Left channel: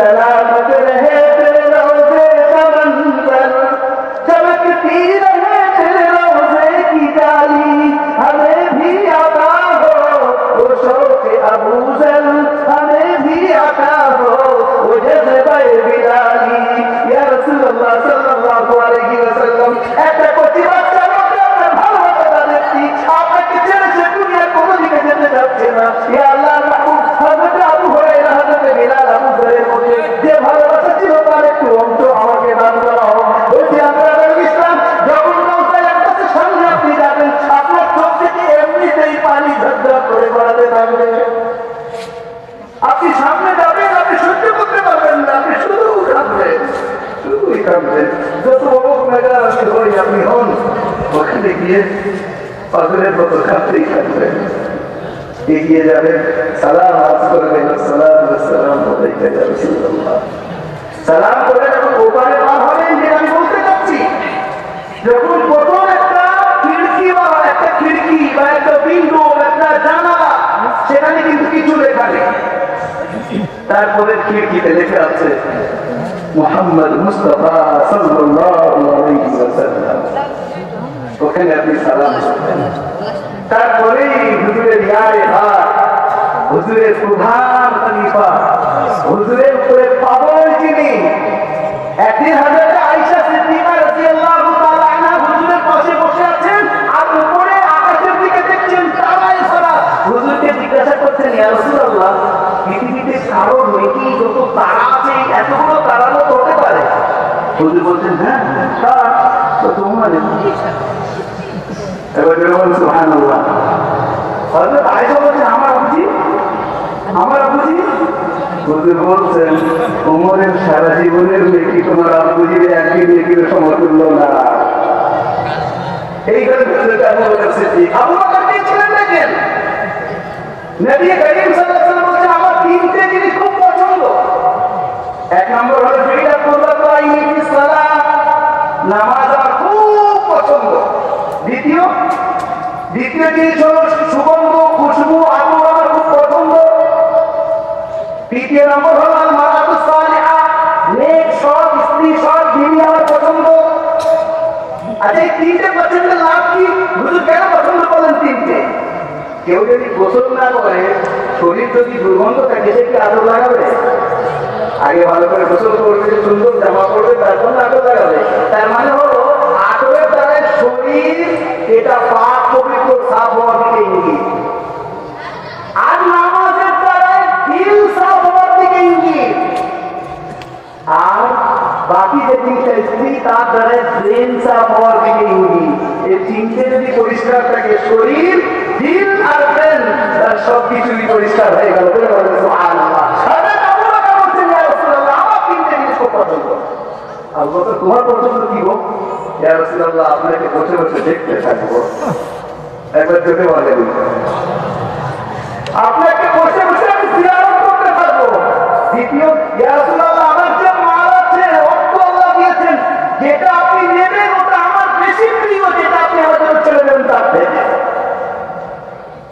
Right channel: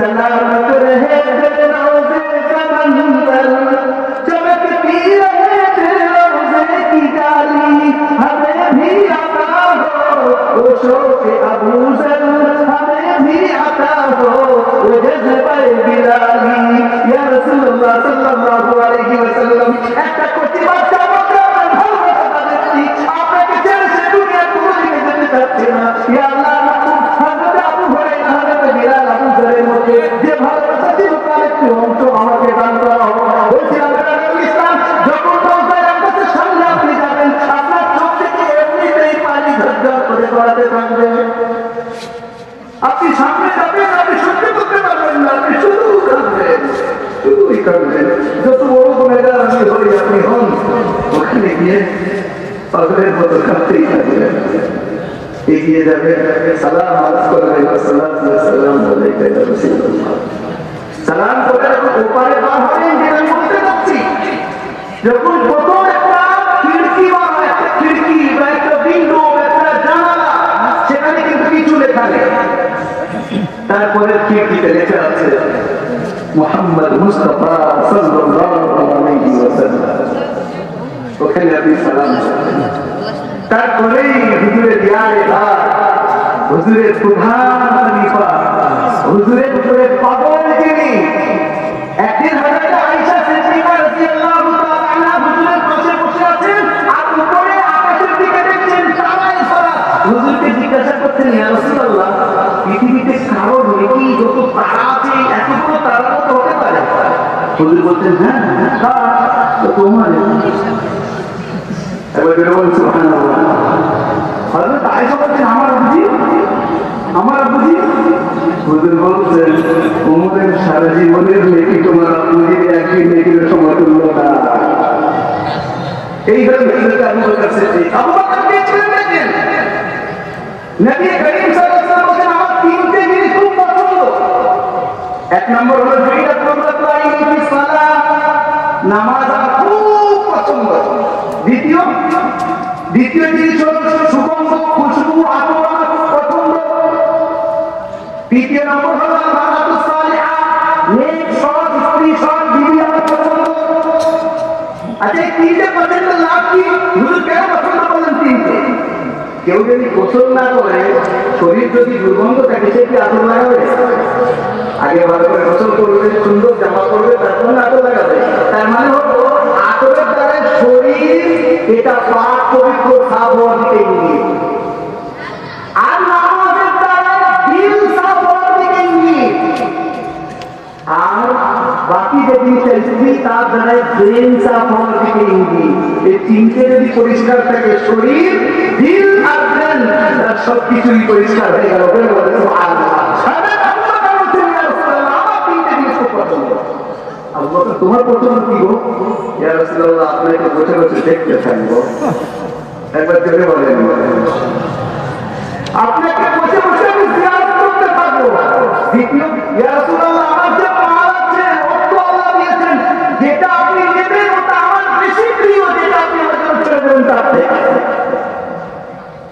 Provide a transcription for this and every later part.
सलामत रहे दिल रोज़े का मंज़र, चमकती रहे दिल रोज़े की जाली, हमें भी अता हो वो शौक़ अबू ज़र, हमें भी अता हो वो जज़्बे बिलाली। या रसूलुल्लाह सल्लल्लाहु अलैहि वसल्लम, ऐसा कुछ बात আপনাকে ছেড়ে সে দুনিয়া কোনোদিকে যেতে চাচ্ছে না। ইয়া আল্লাহ মাহবুব, হযরত আবু হুরায়রা, হযরত বিলাল, আবু যারের মধ্যে যে ভালোবাসা ছিল তার একটু অংশ আমাকে দান করা হোক। বলছিলাম ইসলাম যখন বলতেন একবারে সামনে আপনি যাবেন, আপনার চোখ থেকে এমনিতেই পানি ঝরঝর করে গড়াতে থাকবে। আপনি সামনে যাবেন, আপনি সহ্য করতে পারবেন না, আপনি শুধু কাঁদবেন, শুধুই কাঁদবেন। যত বড় গুনাহগার আমি হই আপনি হন, ওখানে গিয়ে পাগলের মতো কাঁদতেই থাকবেন। এগিয়ে যাবেন, সালাম আরজ করবেন, আসসালাতু ওয়াসসালামু আলাইকা ইয়া রাসূলুল্লাহ। সালাম করে যখন ওপারে পার হবেন, যে আমি বলতে চাচ্ছি, যখন প্রথম একটা খিড়কিওয়ালা, একটা খিড়কি বা একটা উইন্ডো, একটা জানালা, সেখানে কিন্তু কিছু লেখা নেই। তারপরে খিড়কিতে লেখা আছে মুহাম্মদ মুস্তাফা সাল্লাল্লাহু আলাইহি ওয়াসাল্লাম। ওখানে আপনি সালাম করবেন। তারপরেই হুজুরের ইয়ারে ভাত, হুজুরের প্রধান খলিফা, হুজুরের উপরে পাগল যিনি, একদিন হযরত আয়েশা সিদ্দিকা রাদিয়াল্লাহু তাআলা আনহা হুজুরের পাশে বসে আছেন, আর উপরে আকাশের দিকে দেখছেন তারাই ভরা। হুজুরকে জিজ্ঞাসা করছেন, ইয়া রাসূলুল্লাহ, পৃথিবীতে কারোর নেকি যত তারা আছে এত বড় তারা তো হতে পারে? হুজুর বলছেন, হ্যাঁ তোমার। এবার বেরোবেন সুবহানাল্লাহ। হযরত আয়েশা বলছেন, আমার বুঝি, আমার বুঝি। হুজুর বলছেন, উমরের সারা জীবনের নেকি তোমার আবুজির একদিন নেকির সমতুল্য না। এই ধরনের হুজুরকে আবু বকর সিদ্দিক, আবু বকর দিয়েছিলেন দেখেন, নবী করিম সাল্লাল্লাহু আলাইহি ওয়াসাল্লাম বলেন, আমার তিনটে জিনিস খুব পছন্দ। এক নম্বর হলো যেটা কুররাতু আইনি ফিস সালাত, নামাজ আমার খুব পছন্দ। দ্বিতীয় জিনিস হলো সুগন্ধ, খুশবু, আতর আমার খুব পছন্দ। তৃতীয় নম্বর হলো মারাতুস সালিহা, নেক সৎ স্ত্রী, সৎ বিবি আমার পছন্দ। আচ্ছা, এই তিনটে পছন্দের লাভ কি? হুজুর কেন পছন্দ করেন তিনটে? কেউ যদি গোসল না করে, শরীর যদি দুর্গন্ধ থাকে, সে কি আতর লাগাবে? আগে ভালো করে গোসল করবে, সুন্দর জামা করবে, তারপর আতর লাগাবে। তার মানে হলো আতরের দ্বারা শরীর এটা পাক পবিত্র সাফ হওয়ার দিকে ইঙ্গিত, আর নামাজের দ্বারা দিল সাফ হওয়ার দিকে ইঙ্গিত, আর বাকি যে জিনিসটা স্ত্রী তার দ্বারা ব্রেন সাফ হওয়ার দিকে ইঙ্গিত। এই তিনটে যদি পরিষ্কার থাকে, শরীর, দিল আর ব্রেন, সবকিছুই পরিষ্কার হয়ে গেল। তোমার পছন্দ কি হোক? ইয়া রাসূলুল্লাহ, আপনাকে বসে বসে দেখতে থাকবো। একবার জোরে বলেন, আপনাকে বসে বসে আমি জিয়ারত করতে থাকবো। দ্বিতীয়, ইয়া রাসূলুল্লাহ, আমার যে মাল আছে, অর্থ আল্লাহ দিয়েছেন, যেটা আপনি নেবেন ওটা আমার বেশি প্রিয়, যেটা আপনি আমাদের চলে দেবেন তার থেকে।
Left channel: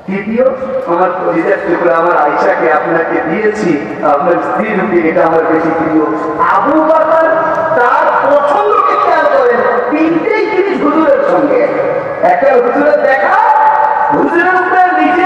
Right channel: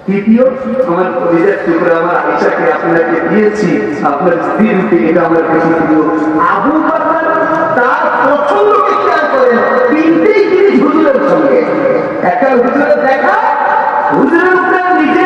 তৃতীয়, আমার নিজের টুকরা আমার আয়েশাকে আপনাকে দিয়েছি, আপনার স্ত্রীর রূপে এটা আমার বেশি প্রিয়। আবু বকর তার পছন্দকে খেয়াল করেন, তিনটেই জিনিস হুজুরের সঙ্গে। একটা হুজুরের দেখা, হুজুরের উপরে নিজে